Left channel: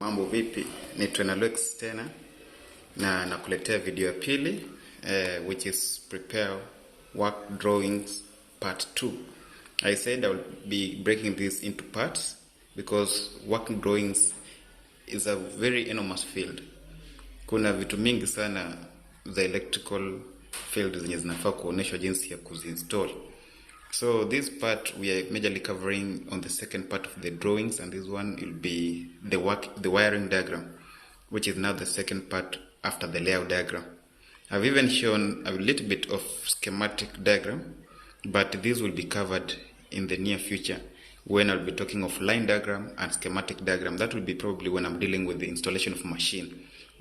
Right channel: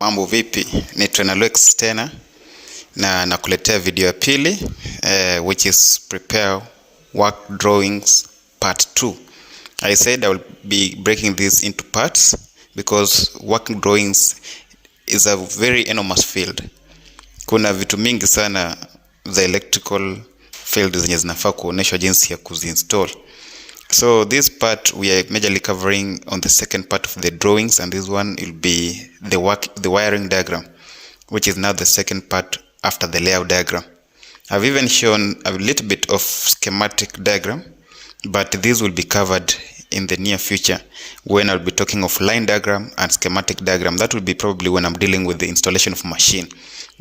Mambo vipi? Ni Alex tena na nakuletea video ya pili which is prepare work drawings part 2. I said I will be breaking this into parts because work drawings is a very enormous field. Kuna vitu mingi sana za electrical field zenye zinafaa kuonyeshwa jinsi ya kuzinstall. So this part we are majorly covering on the second part of the drawings, and this one will be the wiring diagram, which is now the second part after the layout diagram. I've even shown a little bit of schematic diagram, but this will be covered in the near future when I'll be talking of line diagram and schematic diagram. That will be probably when I'm dealing with the installation of machine.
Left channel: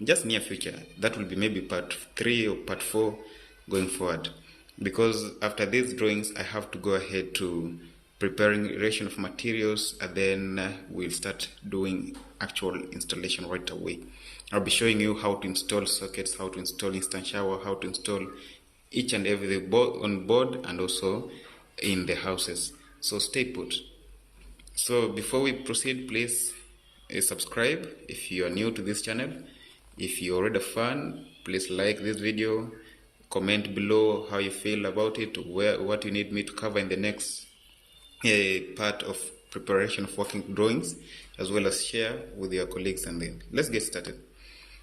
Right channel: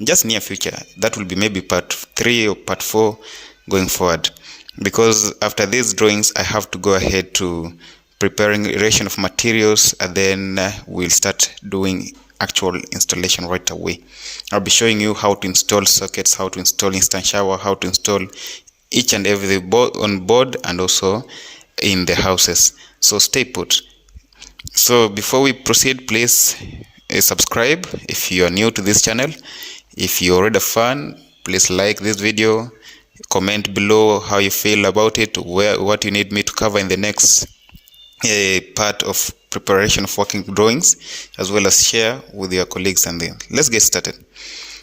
Just near future. That will be maybe part 3 or part 4 going forward. Because after these drawings, I have to go ahead to preparing ration of materials, and then we'll start doing actual installation right away. I'll be showing you how to install sockets, how to install instant shower, how to install each and every board on board and also in the houses. So stay put. So before we proceed, please subscribe if you are new to this channel. If you're already a fan, please like this video. Comment below how you feel about it, what you need me to cover in the next part of preparation of working drawings, as well as share with your colleagues. And then let's get started.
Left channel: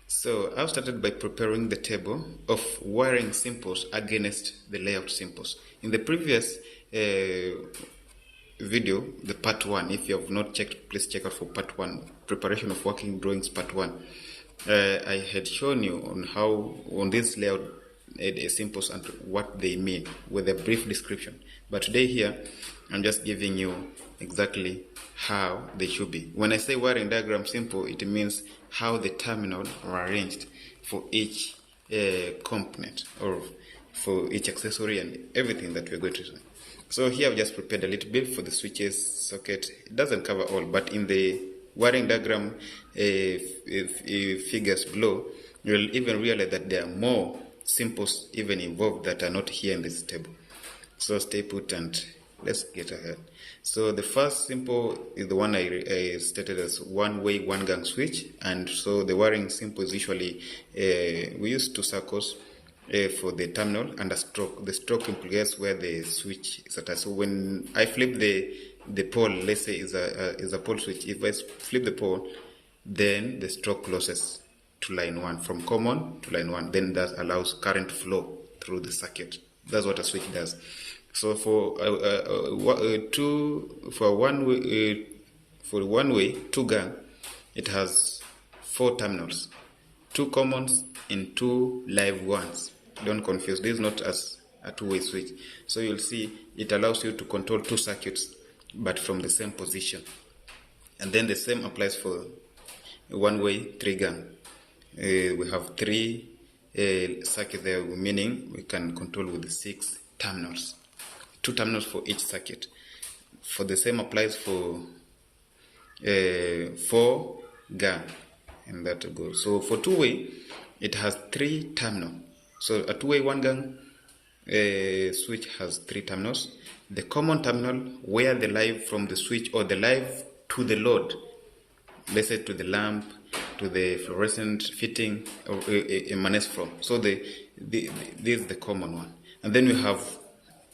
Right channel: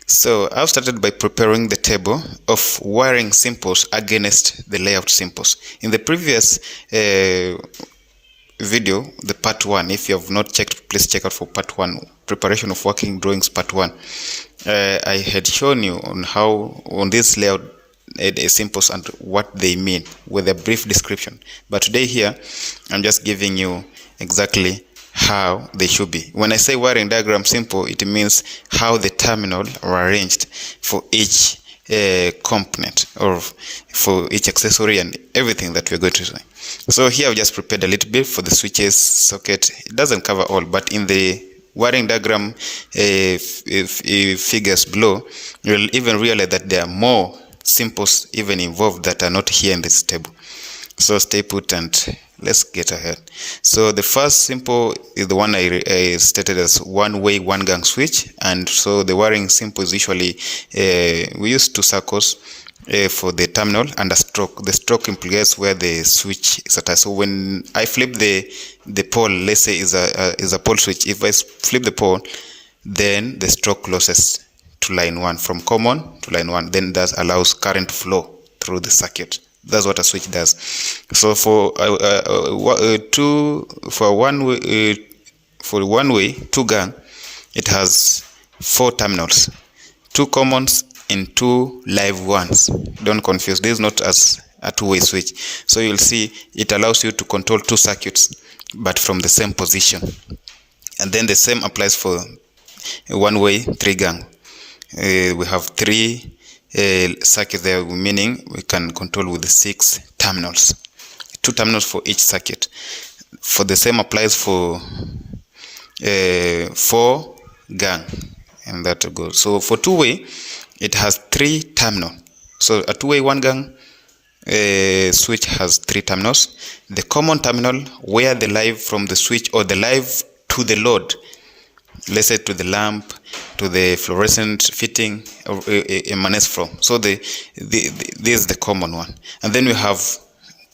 So I've started by preparing the table of wiring symbols against the layout symbols. In the previous video, the part 1, if you have not checked, please check out for part 1, preparation of working drawings part 1. I had shown you on how on this layout symbols and what they mean with a brief description, but today here I'm just giving you exactly how they should be. When I say wiring diagram simple, it means how the terminal are arranged for each component or for each accessory and everything that we're going to say. So here I've just prepared a little bit for the switches, socket. It doesn't cover all, but in the wiring diagram figures below, you'll even realize that there are more symbols even involved that are not here in this table. So stay put and let's get ahead. So the first symbol is the one I stated as one-way, one-gang switch, and so the wiring symbol is usually we use 2 circles for the terminal and a stroke. The stroke implies where the switch is at. So when I flip the pole, let's say is a pole switch. If I flip the pole, then the stroke closes to line 1, from common to line 1. Then that allows current flow through the circuit. That's what a switch does. So for one way, 2 gang, it has 4 terminals, 2 commons and 2 live ones. Don't confuse. This is not as a 2-way switch. So you'll see it allows you to control 2 circuits, but from the same position. And then the same applies for 1-way, 3 gang. We have 3 circuits there, meaning we can control with the 6 terminals, 2 terminals for each circuit. For the same applies for 4 gang, and that goes. So for 2-way, it has 3 terminals. So a 2-way 1 gang switch has 3 terminals. The common terminal where the live from the switch or the live to the load, let's say to the lamp, to the fluorescent fitting emanates from. So this is the common one. And then we have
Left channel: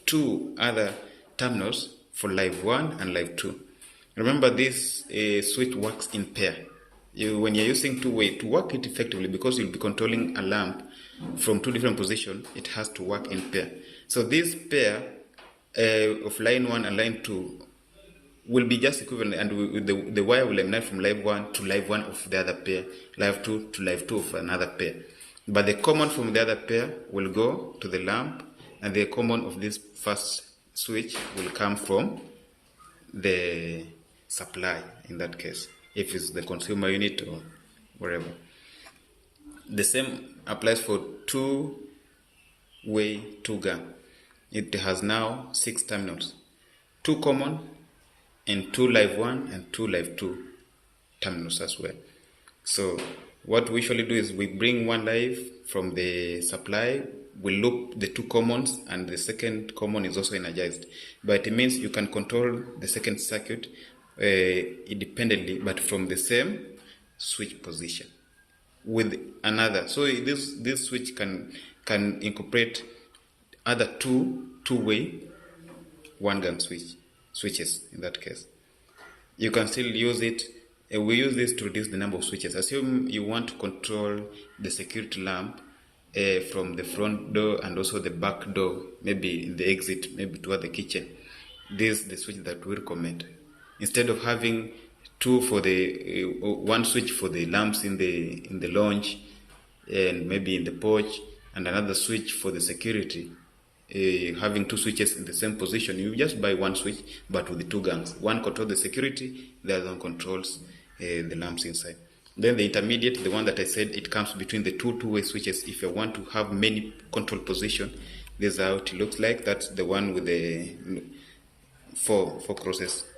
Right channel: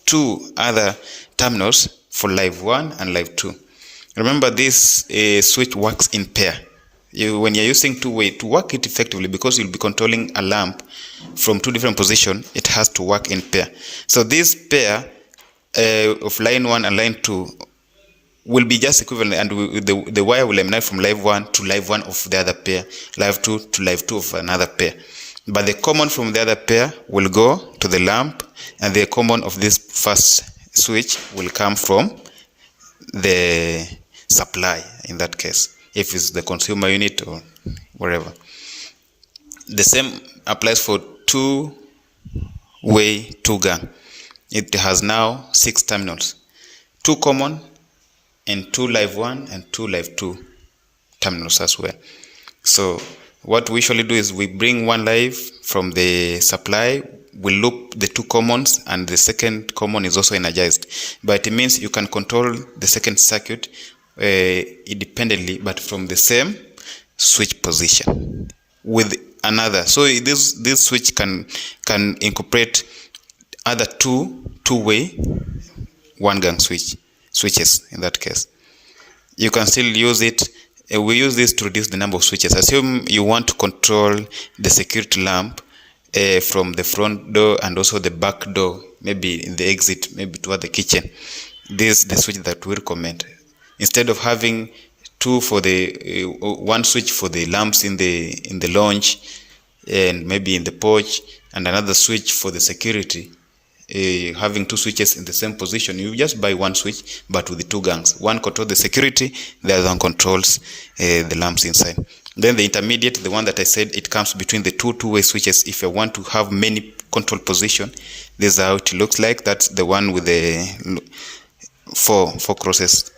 2 other terminals for live 1 and live 2. Remember, this switch works in pair. When you're using 2-way, to work it effectively, because you'll be controlling a lamp from 2 different positions, it has to work in pair. So this pair of line 1 and line 2 will be just equivalent, and the wire will emanate from live 1 to live 1 of the other pair, live 2 to live 2 of another pair. But the common from the other pair will go to the lamp, and the common of this first switch will come from the supply, in that case, if it's the consumer unit or wherever. The same applies for 2-way, 2 gang. It has now 6 terminals, 2 common and 2 live 1 and 2 live 2 terminals as well. So what we usually do is we bring 1 live from the supply, we loop the 2 commons, and the second common is also energized. But it means you can control the second circuit independently, but from the same switch position with another. So this switch can incorporate other two-way one-gang switches in that case. You can still use it. We use this to reduce the number of switches. Assume you want to control the security lamp from the front door and also the back door, maybe in the exit, maybe toward the kitchen. This is the switch that we recommend. Instead of having two for the one switch for the lamps in the lounge and maybe in the porch, and another switch for the security, having two switches in the same position, you just buy one switch but with the two gangs. One controls the security, the other one controls the lamps inside. Then the intermediate, the one that I said, it comes between the two-way switches. If you want to have many control position, this is how it looks like. That's the one with the four crosses.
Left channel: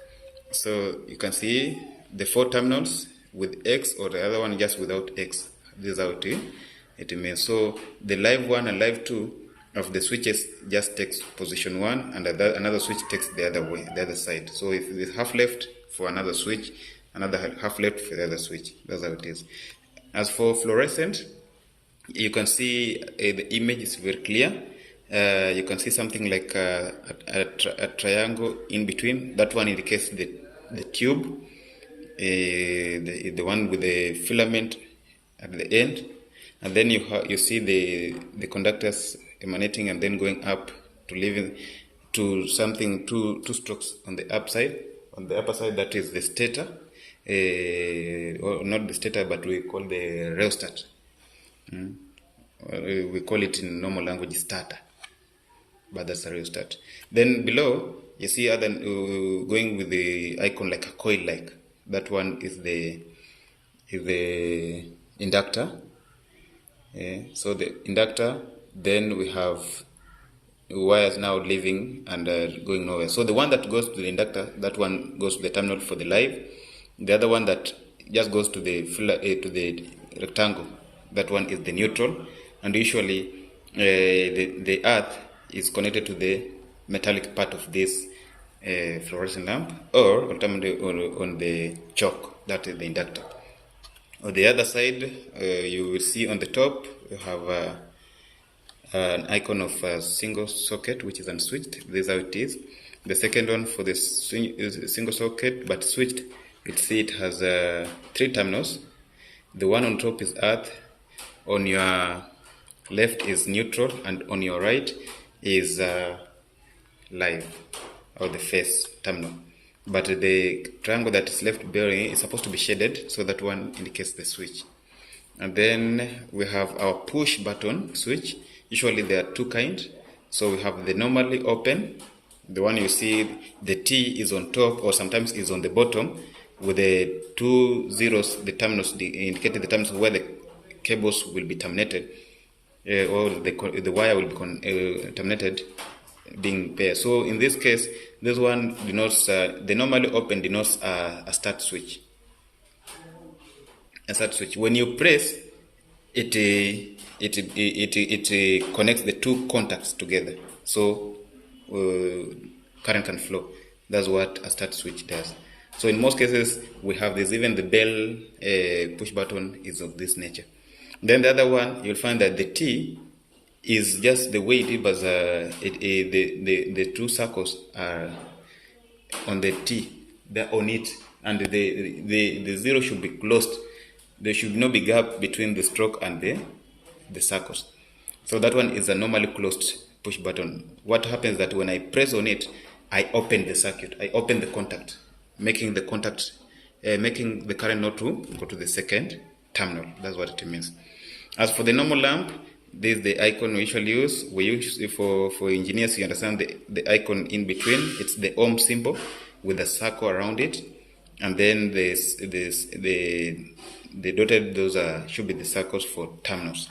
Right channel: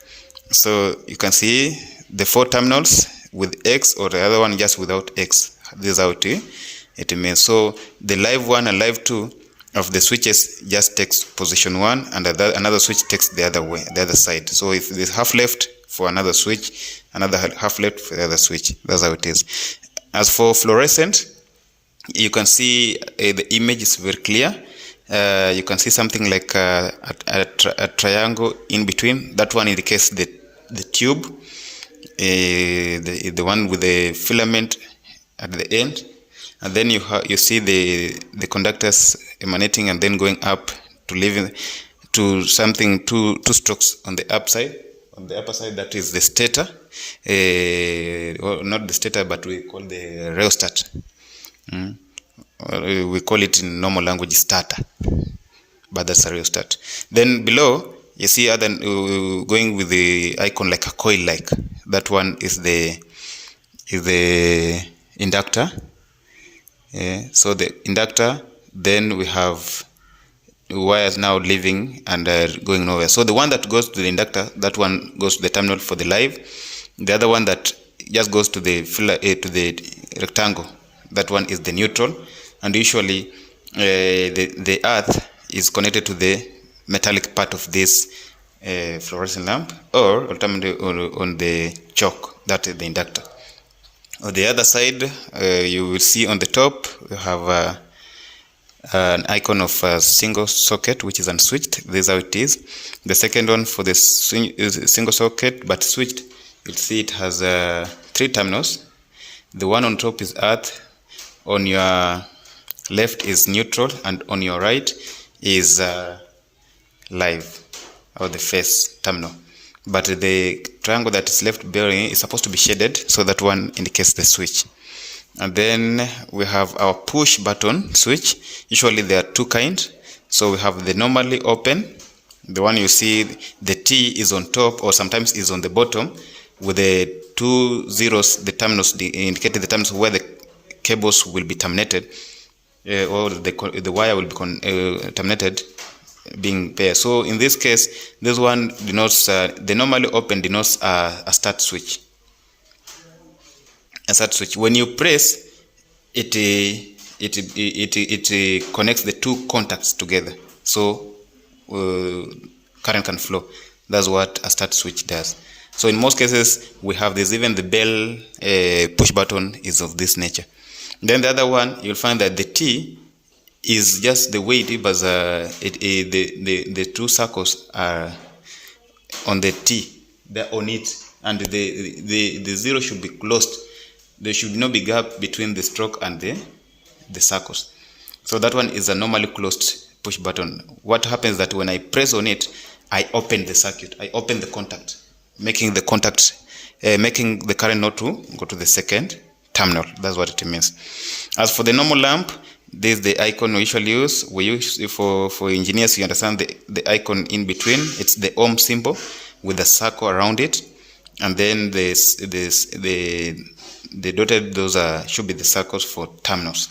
So you can see the 4 terminals with X, or the other one just without X. This is how it means. So the live 1 and live 2 of the switches just takes position 1, and another switch takes the other side. So if there's half left for another switch, another half left for the other switch. That's how it is. As for fluorescent, you can see the image is very clear. You can see something like a triangle in between. That one indicates the tube, the one with the filament at the end, and then you see the conductors emanating and then going up to leaving to something two strokes on the upside. On the upper side, that is the stator, or not the stator, but we call the rheostat. We call it in normal language starter, but that's a rheostat. Then below, you see other going with the icon like a coil, like that one is the inductor. So the inductor. Then we have wires now leaving and going nowhere. So the one that goes to the inductor, that one goes to the terminal for the live. The other one that just goes to the rectangle, that one is the neutral. And usually the earth is connected to the metallic part of this fluorescent lamp, or ultimately on the choke, that is the inductor. On the other side, you will see on the top we have an icon of a single socket which is unswitched. This is how it is. The second one for the single socket but switched, you'll see it has 3 terminals. The one on top is earth, on your left is neutral, and on your right is live, or the face terminal. But the triangle that is left bearing is supposed to be shaded, so that one indicates the switch. And then we have our push button switch. Usually there are 2 kinds. So we have the normally open, the one you see the T is on top or sometimes is on the bottom, with the 2 zeros, the terminals indicating the terminals where the cables will be terminated, or the wire will be terminated, being paired. So in this case, this one denotes the normally open denotes a start switch. A start switch. When you press it, it connects the 2 contacts together, so current can flow. That's what a start switch does. So in most cases we have this. Even the bell push button is of this nature. Then the other one, you'll find that the T is just the way it is, but the 2 circles are on the T, they're on it, and the zero should be closed. There should not be gap between the stroke and the circles. So that one is a normally closed push button. What happens that when I press on it, I open the circuit, I open the contact, making the current not to go to the second terminal. That's what it means. As for the normal lamp, this is the icon we usually use. We use for engineers, you understand the icon in between. It's the ohm symbol with a circle around it, and then the dotted, those should be the circles for terminals.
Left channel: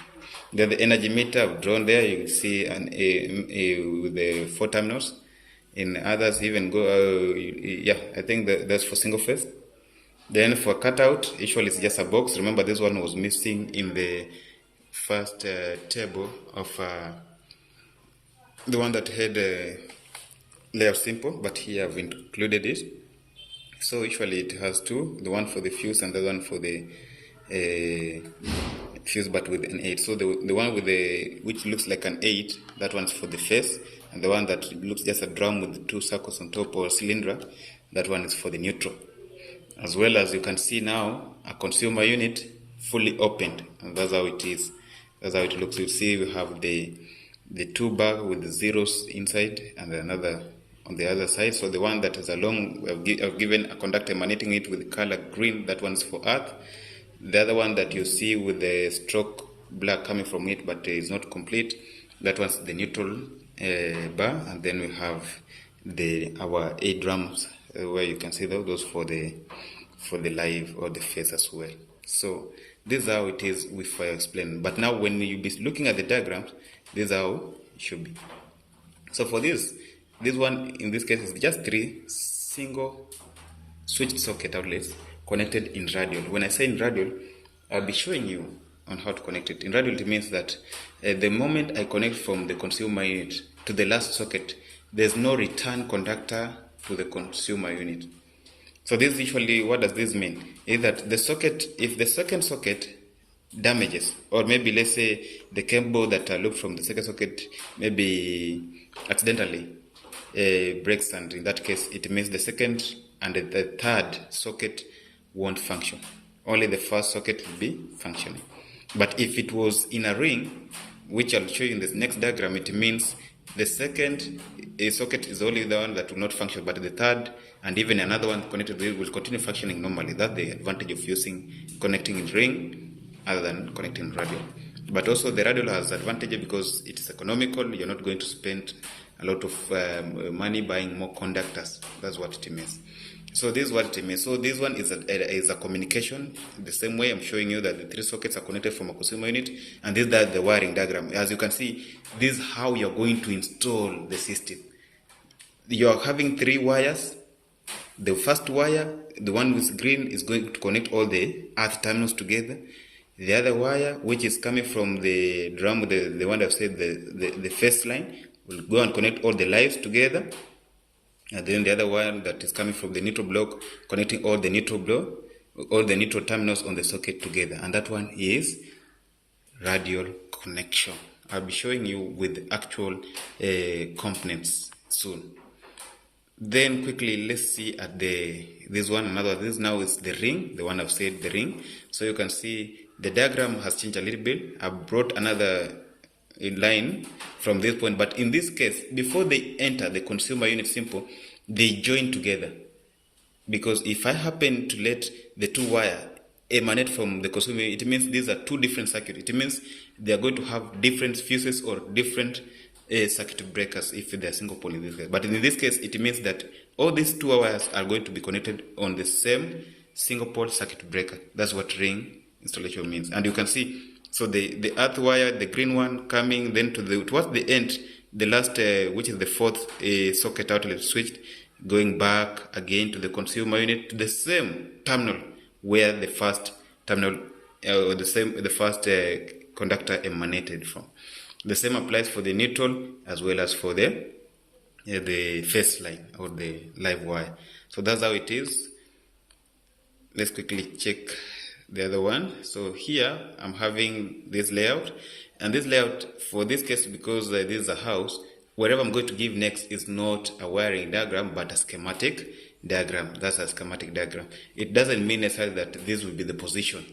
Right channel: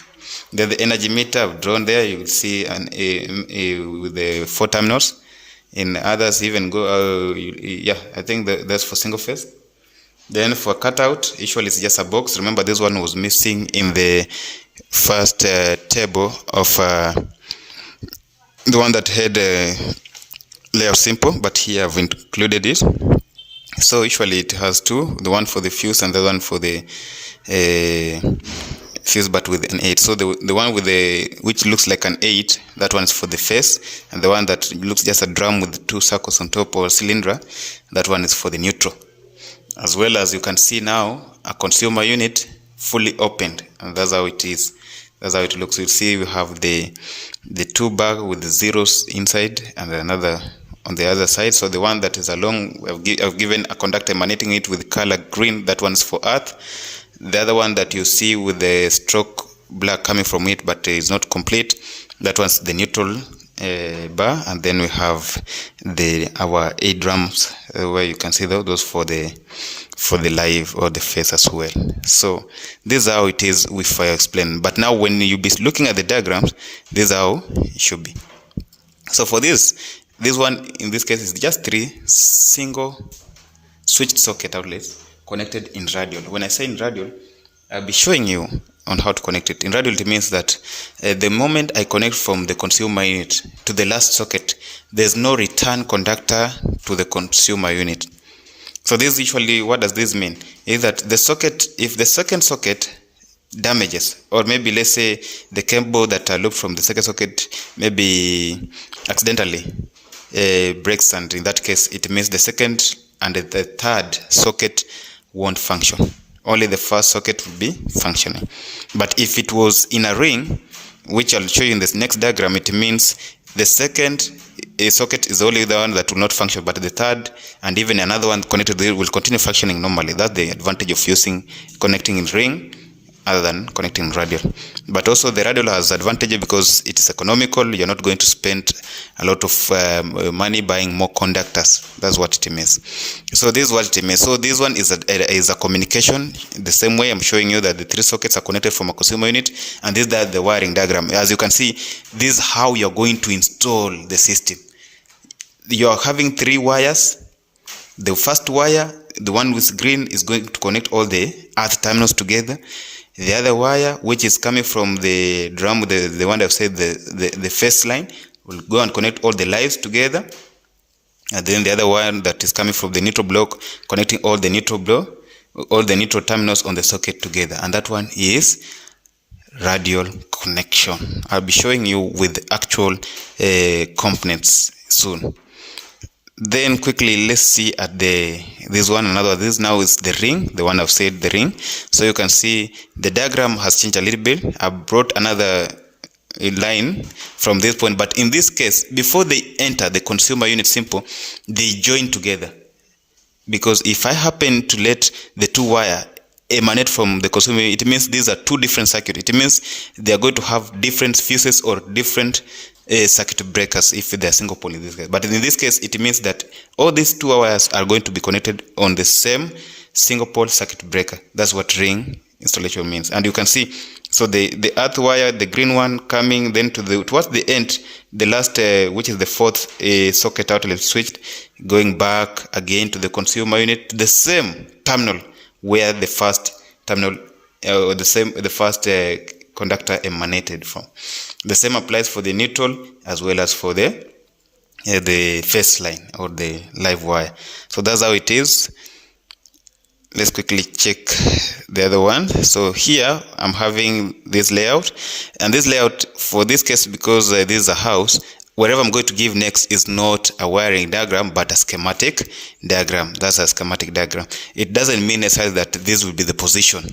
Then the energy meter I've drawn there, you will see with the 4 terminals. In others even go, I think that's for single phase. Then for cutout, usually it's just a box. Remember, this one was missing in the first table of the one that had layout simple, but here I've included it. So usually it has two, the one for the fuse and the one for the fuse but with an 8. So the one with which looks like an 8, that one is for the face, and the one that looks just a drum with 2 circles on top, or cylinder, that one is for the neutral. As well as you can see now a consumer unit fully opened, and that's how it is. That's how it looks. You see we have the 2 bag with the zeros inside and another on the other side. So the one that is along, I've given a conductor emanating it with color green, that one's for earth. The other one that you see with the stroke black coming from it but is not complete, that one's the neutral bar. And then we have our 8 drums where you can see those for the live or the face as well. So this is how it is if I explain. But now when you be looking at the diagrams, this is how it should be. So for this one in this case is just 3 single switched socket outlets connected in radial. When I say in radial, I'll be showing you on how to connect it. In radial, it means that the moment I connect from the consumer unit to the last socket, there's no return conductor to the consumer unit. So this usually, what does this mean? Is that the socket, if the second socket damages, or maybe let's say the cable that I looped from the second socket maybe accidentally breaks, and in that case it means the second and the third socket won't function. Only the first socket will be functioning. But if it was in a ring, which I'll show you in this next diagram, it means the second socket is only the one that will not function, but the third and even another one connected there will continue functioning normally. That's the advantage of connecting in ring other than connecting radial. But also the radial has advantage because it is economical. You're not going to spend a lot of money buying more conductors. That's what it means. So this is what it means. So this one is a communication. The same way I'm showing you that the 3 sockets are connected from a consumer unit, and this is the wiring diagram. As you can see, this is how you're going to install the system. You're having 3 wires. The first wire, the one with green, is going to connect all the earth terminals together. The other wire, which is coming from the drum, the one I've said, the first line, will go and connect all the lives together. And then the other one that is coming from the neutral block, connecting all the neutral terminals on the socket together. And that one is radial connection. I'll be showing you with actual components soon. Then quickly, let's see at this one, another. This now is the ring, the one I've said, the ring. So you can see the diagram has changed a little bit. I brought another line from this point, but in this case, before they enter the consumer unit simple, they join together. Because if I happen to let the 2 wire emanate from the consumer, it means these are 2 different circuits. It means they are going to have different fuses or different circuit breakers if they are single pole in this case. But in this case, it means that all these 2 wires are going to be connected on the same single pole circuit breaker. That's what ring installation means. And you can see, so the earth wire, the green one, coming then towards the end, the last, which is the 4th socket outlet switched, going back again to the consumer unit, the same terminal where the first terminal, the first conductor emanated from. The same applies for the neutral as well as for the face line or the live wire. So that's how it is. Let's quickly check the other one. So here I'm having this layout, and this layout for this case, because this is a house, whatever I'm going to give next is not a wiring diagram but a schematic diagram. That's a schematic diagram. It doesn't mean necessarily that this will be the position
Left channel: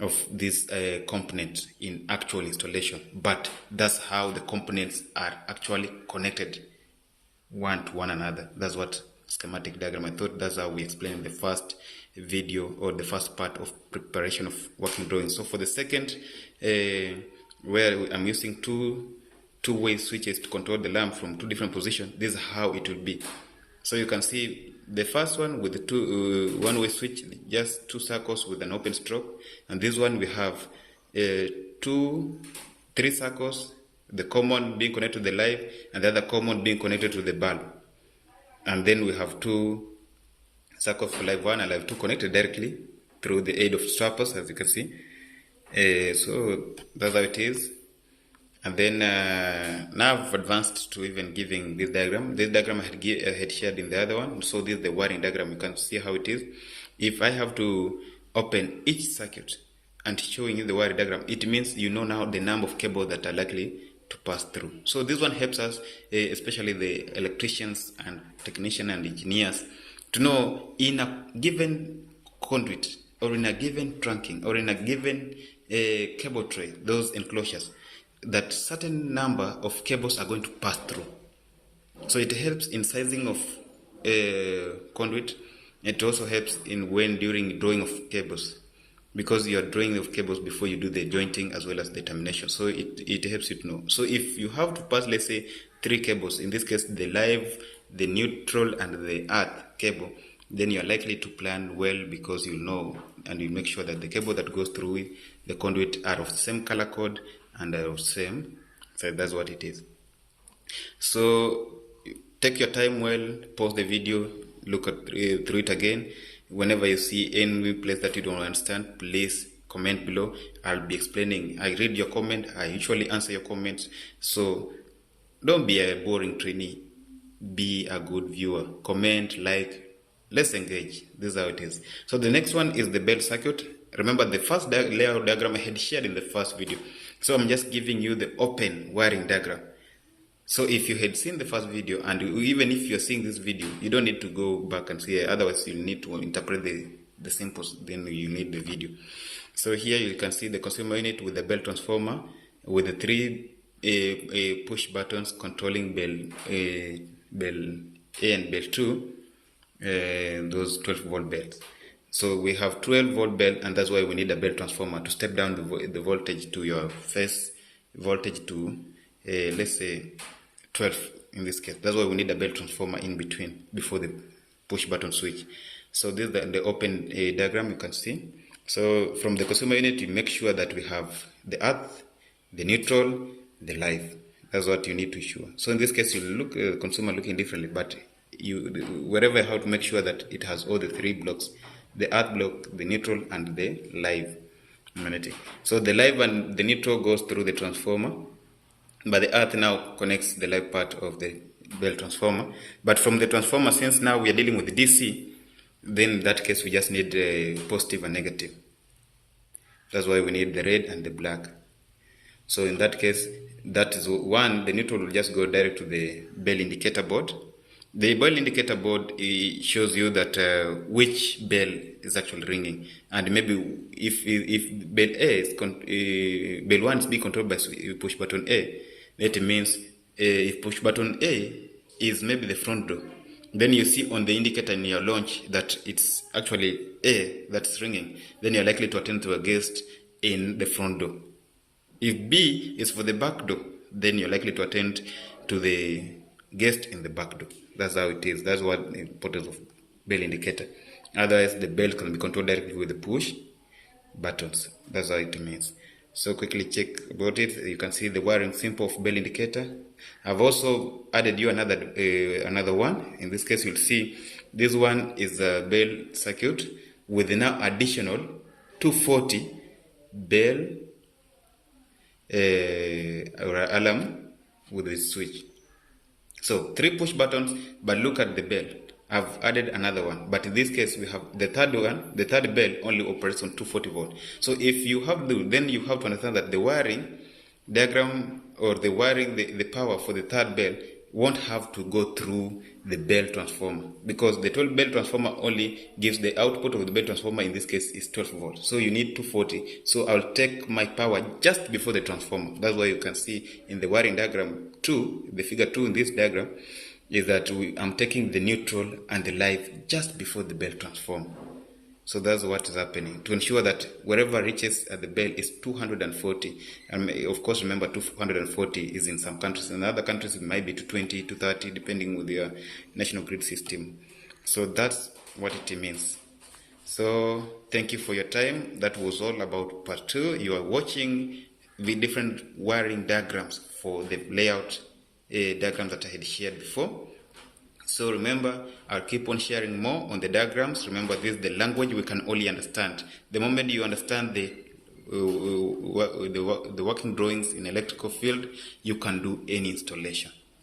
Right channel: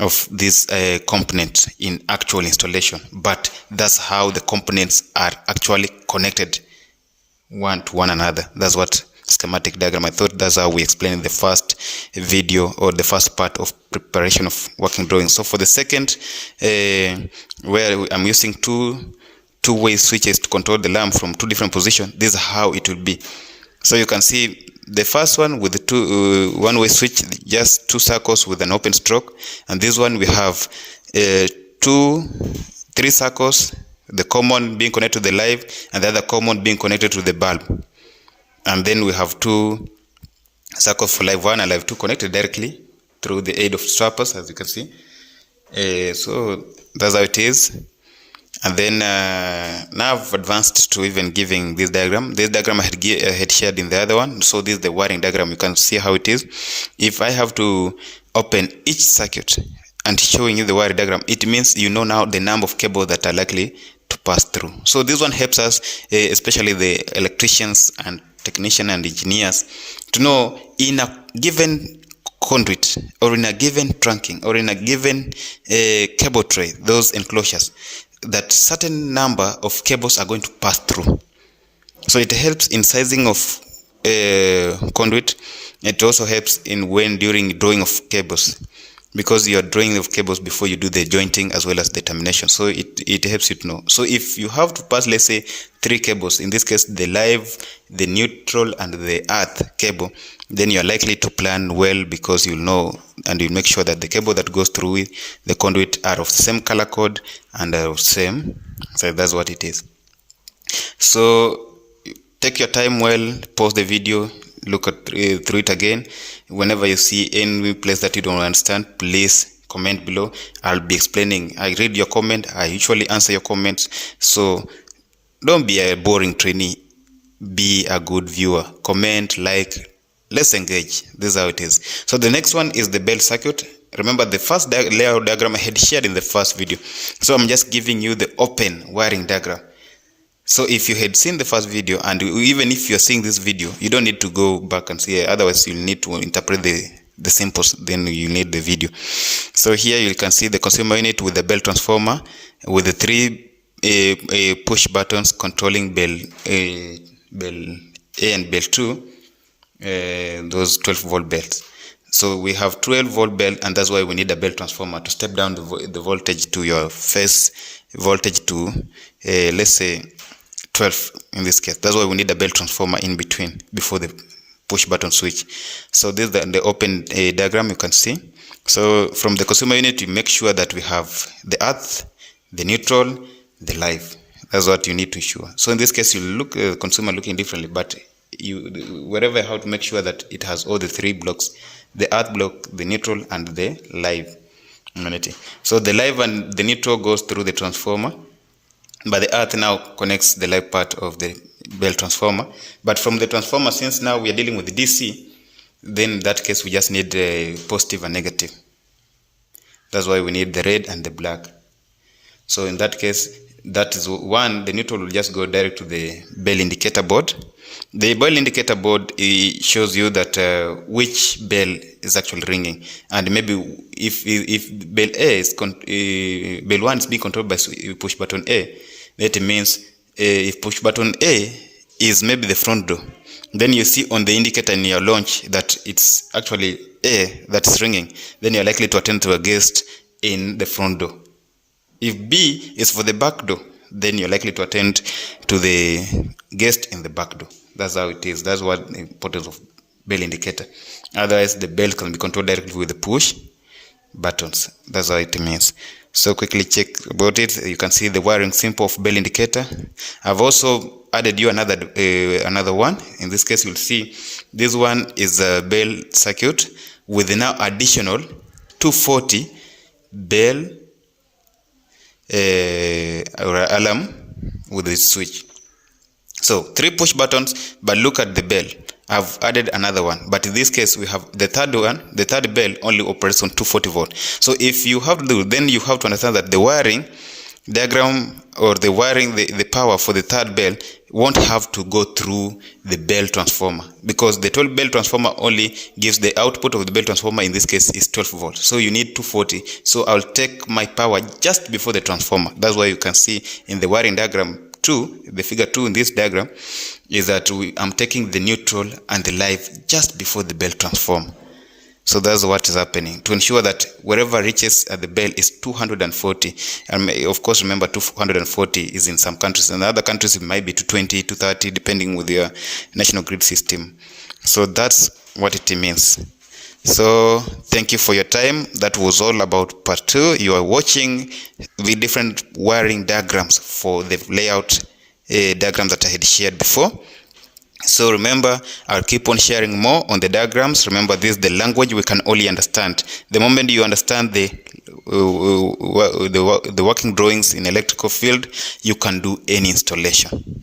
of this component in actual installation, but that's how the components are actually connected one to one another. That's what schematic diagram. I thought that's how we explained in the first video or the first part of preparation of working drawings. So for the second, where I'm using two-way switches to control the lamp from 2 different positions, this is how it will be. So you can see the first one with the one-way switch, just 2 circles with an open stroke, and this one we have 3 circles, the common being connected to the live and the other common being connected to the bulb. And then we have 2 circles for live 1 and live 2 connected directly through the aid of strappers, as you can see. So that's how it is. And then now I've advanced to even giving this diagram. This diagram I had shared in the other one. So this is the wiring diagram. You can see how it is. If I have to open each circuit and showing you the wiring diagram, it means you know now the number of cables that are likely to pass through. So this one helps us, especially the electricians and technicians and engineers, to know in a given conduit or in a given trunking or in a given cable tray, those enclosures, that certain number of cables are going to pass through. So it helps in sizing of conduit. It also helps in during drawing of cables, because you are drawing of cables before you do the jointing as well as the termination. So it helps you to know. So if you have to pass, let's say, 3 cables, in this case the live, the neutral and the earth cable, then you are likely to plan well, because you'll know and you'll make sure that the cable that goes through the conduit are of the same color code and are of same. So that's what it is. So take your time well, pause the video, look through it again. Whenever you see any place that you don't understand, please comment below. I'll be explaining. I read your comment. I usually answer your comments. So don't be a boring trainee. Be a good viewer. Comment, like, let's engage. This is how it is. So the next one is the belt circuit. Remember the first layout diagram I had shared in the first video. So I'm just giving you the open wiring diagram. So if you had seen the first video, and even if you're seeing this video, you don't need to go back and see it. Otherwise you'll need to interpret the symbols, then you need the video. So here you can see the consumer unit with the bell transformer with the 3 push buttons controlling bell A and bell 2, those 12-volt belts. So we have 12-volt belt, and that's why we need a bell transformer to step down the voltage to your phase voltage to let's say 12 in this case. That's why we need a bell transformer in between before the push button switch. So this is the open diagram you can see. So from the consumer unit, you make sure that we have the earth, the neutral, the live. That's what you need to ensure. So in this case, you look consumer looking differently, but wherever how to make sure that it has all the 3 blocks: the earth block, the neutral, and the live. So the live and the neutral goes through the transformer, but the earth now connects the live part of the bell transformer. But from the transformer, since now we are dealing with DC, then in that case we just need a positive and negative. That's why we need the red and the black. So in that case, that is one, the neutral will just go direct to the bell indicator board. The bell indicator board shows you that which bell is actually ringing, and maybe if bell A is bell 1 is being controlled by push button A, that means if push button A is maybe the front door, then you see on the indicator in your launch that it's actually A that's ringing, then you're likely to attend to a guest in the front door. If B is for the back door, then you're likely to attend to the guest in the back door. That's how it is. That's what the importance of bell indicator. Otherwise, the bell can be controlled directly with the push buttons. That's how it means. So quickly check about it. You can see the wiring symbol of bell indicator. I've also added you another one. In this case, you'll see this one is a bell circuit with now additional 240 bell or alarm with this switch. So 3 push buttons, but look at the bell. I've added another one, but in this case we have the third one. The third bell only operates on 240 volt. So if you have to do, then you have to understand that the wiring diagram or the wiring, the power for the third bell won't have to go through the bell transformer, because the 12 bell transformer only gives the output of the bell transformer, in this case is 12 volts. So you need 240. So I'll take my power just before the transformer. That's why you can see in the wiring diagram 2, the figure 2 in this diagram, is that I'm taking the neutral and the live just before the bell transformer. So that's what is happening to ensure that wherever reaches at the bell is 240. And of course, remember 240 is in some countries. In other countries, it might be 220, 230, depending with your national grid system. So that's what it means. So thank you for your time. That was all about part 2. You are watching the different wiring diagrams for the layout diagrams that I had shared before. So remember, I'll keep on sharing more on the diagrams. Remember, this is the language we can only understand. The moment you understand the the working drawings in electrical field, you can do any installation.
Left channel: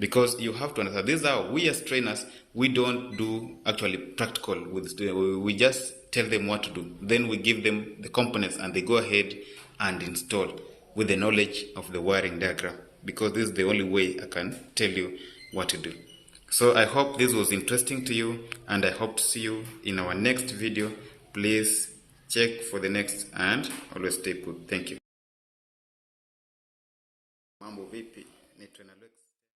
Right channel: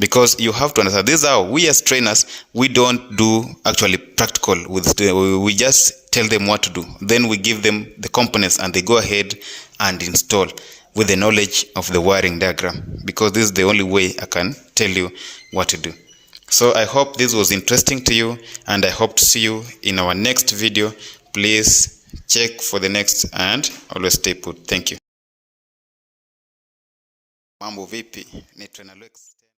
Because you have to understand, this is how we as trainers, we don't do actually practical with we just tell them what to do, then we give them the components and they go ahead and install with the knowledge of the wiring diagram, because this is the only way I can tell you what to do. So I hope this was interesting to you, and I hope to see you in our next video. Please check for the next and always stay put. Thank you. Mambo vipi? Ni Trainer Lex.